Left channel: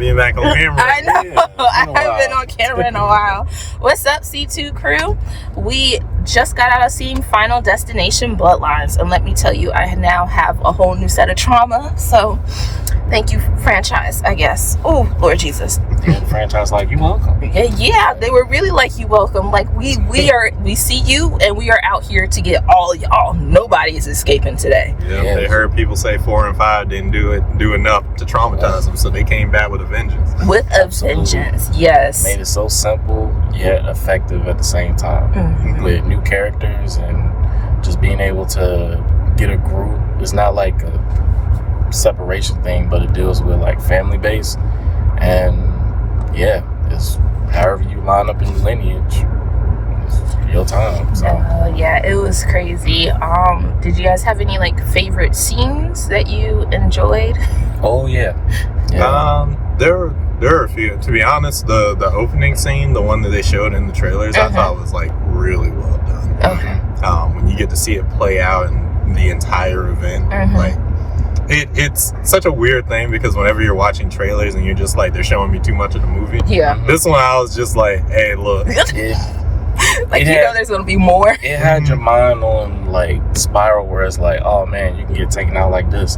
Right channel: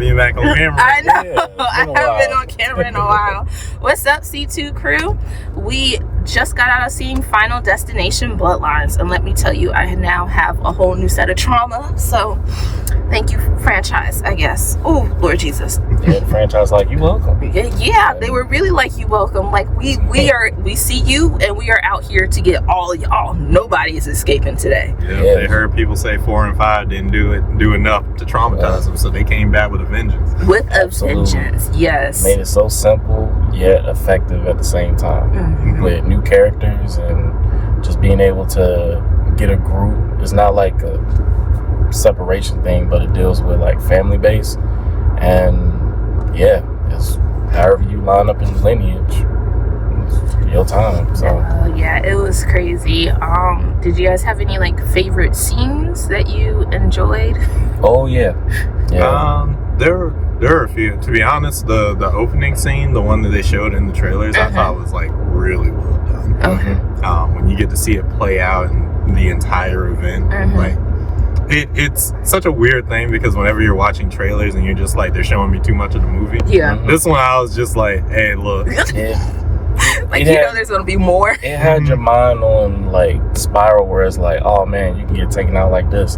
being back on camera. I know. Yeah, I haven't been on camera in a while. What's up, C2 crew? We just got out of seeing Final Destination Bloodlines, and let me tell you, I now have a whole new set of trauma. So, thank you, franchise, I guess. Oh, Lord Jesus. Yeah, the franchise like, you welcome. Yeah, they were really like, you welcome. Like, we see you, and we are out here to get all y'all. Nobody is escaping today. Yeah, they heard people say 4 and 5 didn't do enough to traumatize them, so they came back with a vengeance. With a vengeance, yes. Made it so simple yet effective at the same time. With new characters and just being able to get a group. It's not like a separation thing, but it deals with like family base, and yeah, it's however you line up in lineage, it's your time. So yeah, it was crazy. Did you guys have any like favorite scenes that you enjoyed? oh yeah. There are a few. To be honest, the opening scene, the one that they showed in the trailers, I thought was like really well done. Okay. When you get to see it play out in the entire event, like it's such a weird thing, because whenever you're watching trailers and you're just like, they're showing me too much of the movie. Yeah. This one I was just like, hey, look. Like, you know there's gonna be more. It had your mind on like spiral where it's like, oh man, you can get taken out like this,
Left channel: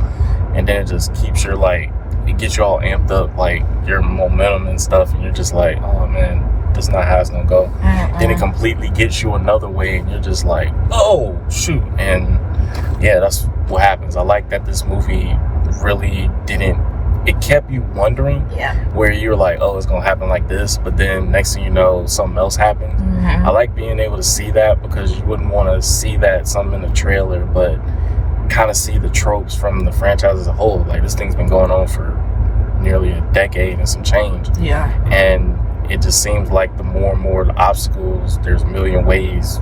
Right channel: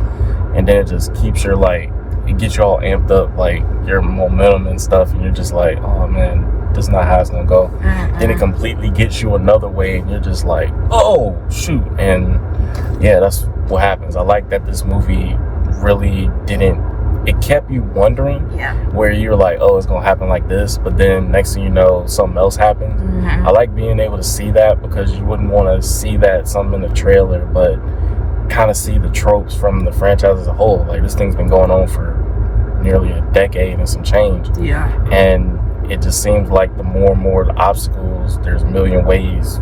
and then it just keeps your like, it gets you all amped up, like your momentum and stuff, and you're just like, oh man, this is not how it's gonna go. Then it completely gets you another way, and you're just like, oh shoot. And yeah, that's what happens. I like that this movie really it kept you wondering, where you're like, oh, it's gonna happen like this, but then next thing you know, something else happens. I like being able to see that, because you wouldn't want to see that something in the trailer, but kind of see the tropes from the franchise as a whole. Like, this thing's been going on for nearly a decade and some change. Yeah. And it just seems like the more and more the obstacles, there's a million ways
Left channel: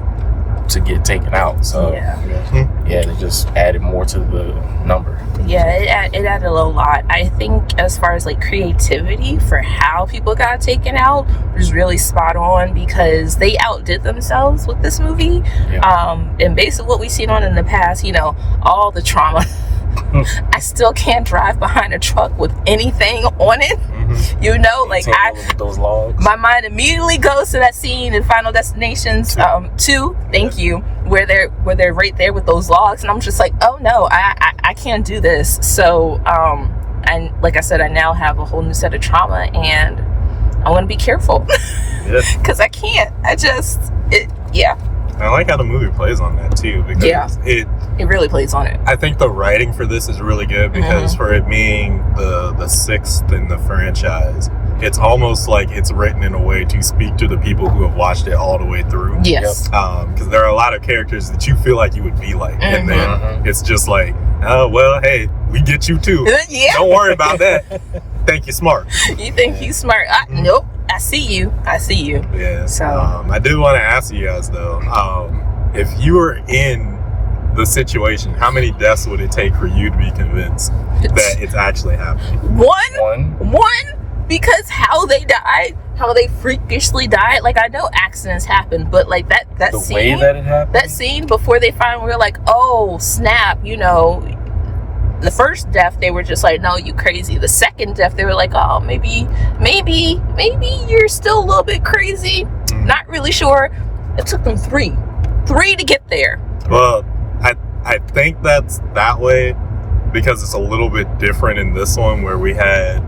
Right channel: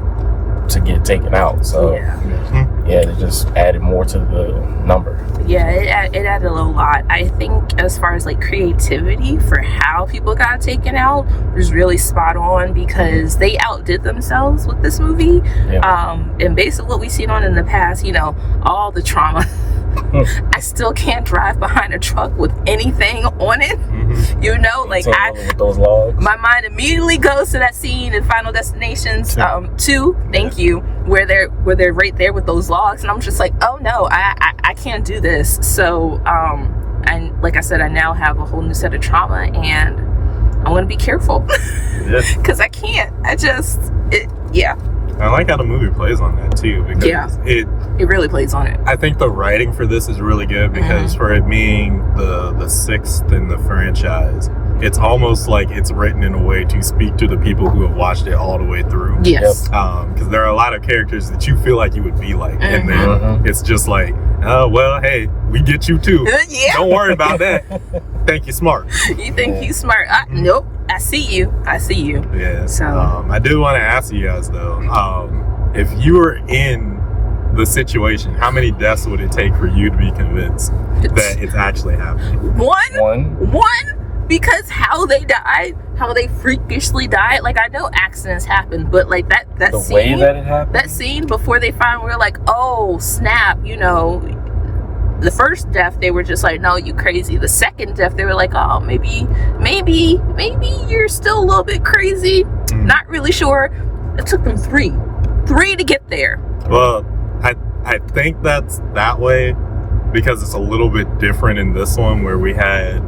to get taken out. So yeah, it just added more to the number. Yeah, it added a lot. I think as far as like creativity for how people got taken out was really spot on, because they outdid themselves with this movie. And based on what we've seen on in the past, you know, all the trauma. I still can't drive behind a truck with anything on it. You know, like with those logs. My mind immediately goes to that scene in Final Destinations 2. Thank you, where they're right there with those logs, and I'm just like, oh no, I can't do this. So and like I said, I now have a whole new set of trauma, and I want to be careful because I can't. I like how the movie plays on that too, because it really plays on it. I think the writing for this is really good, because for it being the sixth in the franchise, it's almost like it's written in a way to speak to the people who have watched it all the way through. Yes. Because there are a lot of characters that you feel like you would be like, and then it's just like, oh well, hey, we get you too. Don't worry about that. Think you're smart. You think you smart? Nope. I see you. Yeah. So I did want to ask you guys though, if you were in the situation, how many deaths would it take for you to be convinced that it's actually happening? One, because how they died, how they freakishly died. Like, I know accidents happen, but like that the scene, way that it happened, that scene before they finally were like, oh snap, you know. The first death, they were just like, no, you crazy. The second death, they were like, oh, maybe you're still a little bit crazy. Not really sure. It took them three to get there. Well, I think that's that way because it's a little bit different in this one, where we had,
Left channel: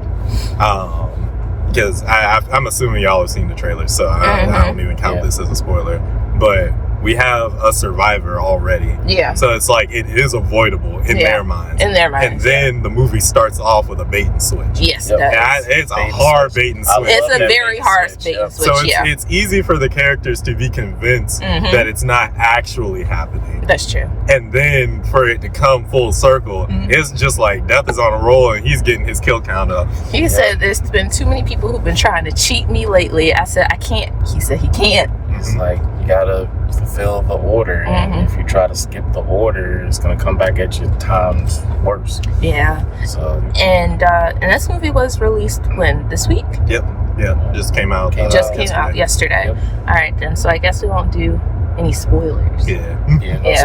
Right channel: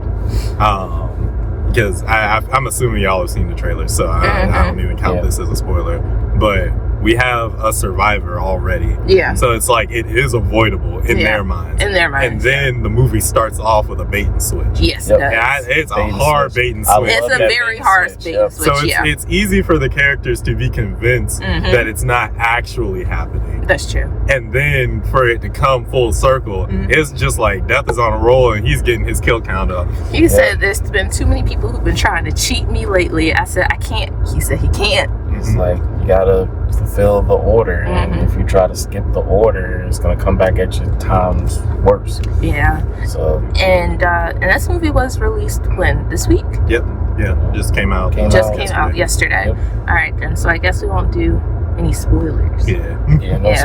because I'm assuming y'all have seen the trailer, so I don't even count this as a spoiler, but we have a survivor already. Yeah. So it's like, it is avoidable in their minds. And then the movie starts off with a bait and switch. Yes, it does. It's a hard bait and switch. It's a very hard bait and switch, so it's easy for the characters to be convinced that it's not actually happening. That's true. And then for it to come full circle, it's just like death is on a roll and he's getting his kill count up. He said, there's been too many people who've been trying to cheat me lately. I said, I can't. He said he can't. It's like, you gotta fulfill the order, and if you try to skip the order, it's gonna come back at you times worse. Yeah. So and this movie was released when? This week? Yep. Yeah. Just came out. Came out yesterday. Yep. All right then. So I guess we won't do any spoilers. Yeah.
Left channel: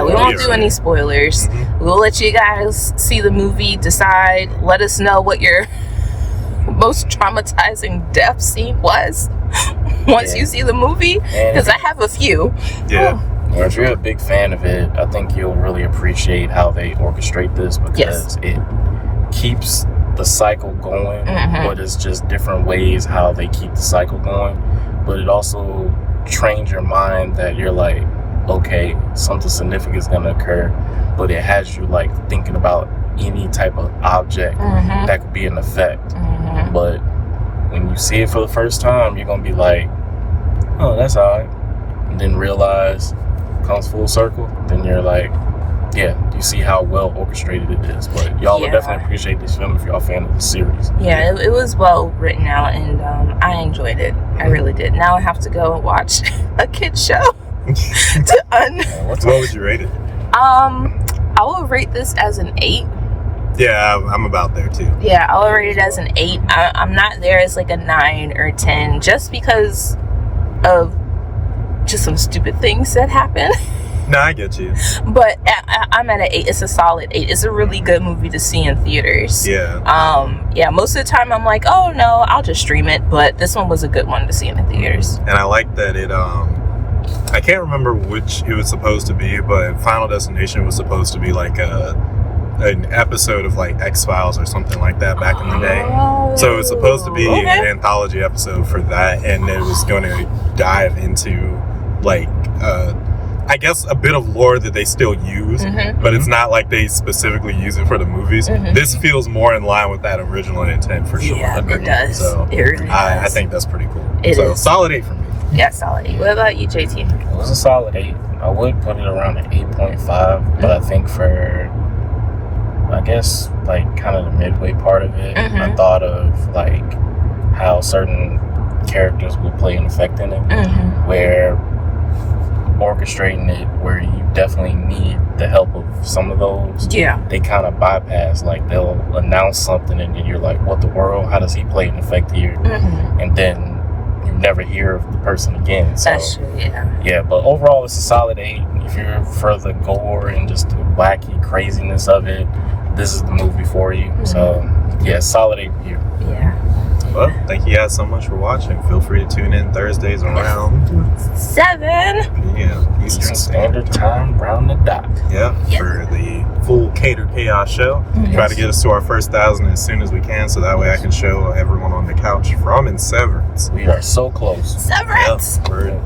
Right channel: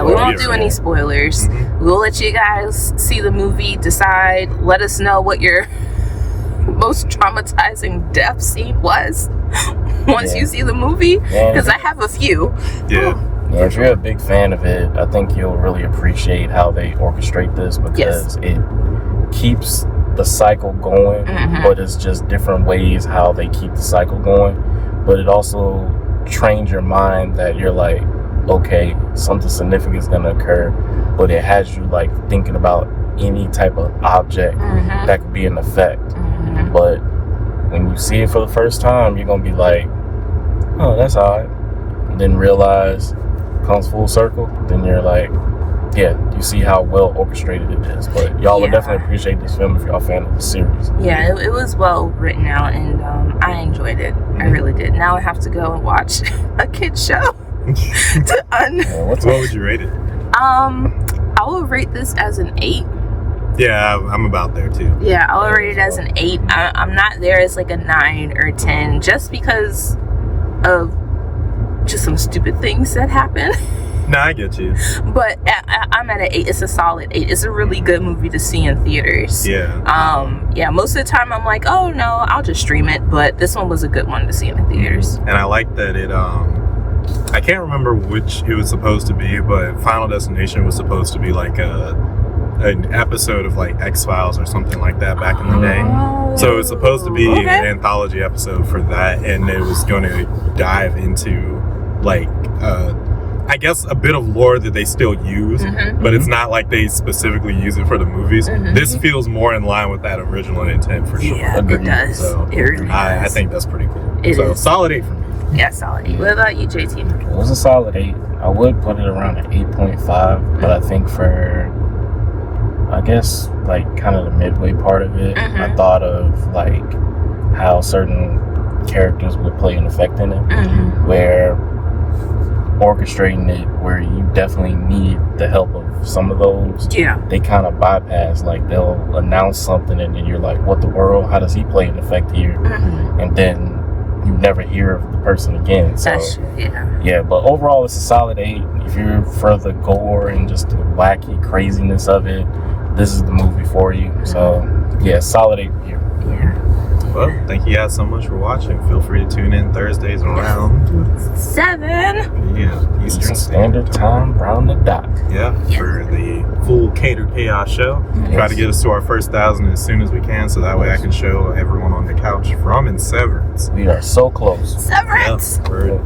We won't do any spoilers. We'll let you guys see the movie, decide. Let us know what your most traumatizing death scene was once you see the movie, because I have a few. Yeah. If you're a big fan of it, I think you'll really appreciate how they orchestrate this, because it keeps the cycle going, but it's just different ways how they keep the cycle going. But it also trains your mind that you're like, okay, something significant is going to occur, but it has you like thinking about any type of object that could be an effect. But when you see it for the first time, you're going to be like, oh, that's odd. And then realize, comes full circle, then you're like, yeah, you see how well orchestrated it is. But y'all will definitely appreciate this film if y'all a fan of the series. Yeah, it was well written out, and I enjoyed it. I really did. Now I have to go and watch a kid's show. What would you rate it? I will rate this as an 8. Yeah, I'm about there too. Yeah, I'll rate it as an 8. I'm not there as like a 9 or 10, just because of just some stupid things that happen. No, I get you. But I'm at an 8. It's a solid 8. It's a really good movie to see in theaters. Yeah. Yeah, most of the time I'm like, oh no, I'll just stream it. But this one was a good one to see in the theaters. And I like that it, I can't remember which it was supposed to be, but Final Destination was supposed to be like an episode of like X-Files or something like that back in the day. So it was supposed to be an anthology episode for that, and it was going to dive into like I guess a bit of lore that they still use, but it's not like they specifically use it for the movies. This feels more in line with that original intent for sure. Yeah, it does. So it really does. I think that's pretty cool. It so is. Solid 8 for me. Yeah, solid 8. What about you, JT? It was a solid 8. I would put it around an 8.5, but I think for, I guess, like kind of the midway part of it, I thought of like how certain characters would play an effect in it, where orchestrating it, where you definitely need the help of some of those, they kind of bypass, like they'll announce something and then you're like, what the world, how does he play an effect here? And then you never hear of the person again. So that's true, yeah, but overall it's a solid 8. If you're for the gore and just the wacky craziness of it, this is the movie for you. So yeah, solid 8 here. Well, thank you guys so much for watching. Feel free to tune in Thursdays around 7 p.m. Eastern Standard Time, round the dot. For the full Catered Chaos show. Try to get us to our first 1,000 as soon as we can, so that way I can show everyone on the couch from in Severance. We are so close. Severance.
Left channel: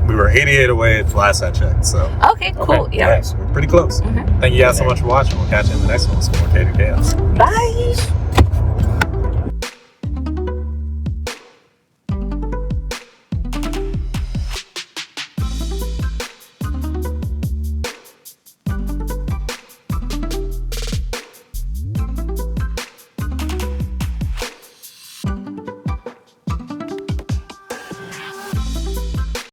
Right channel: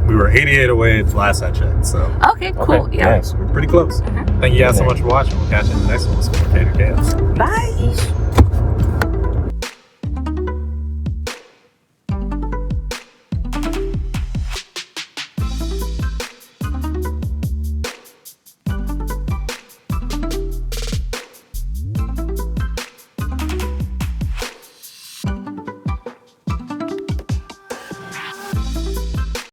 We were 88 away last I checked. So okay, cool. We're pretty close. Thank you guys so much for watching. We'll catch you in the next one with some more Catered Chaos. Bye.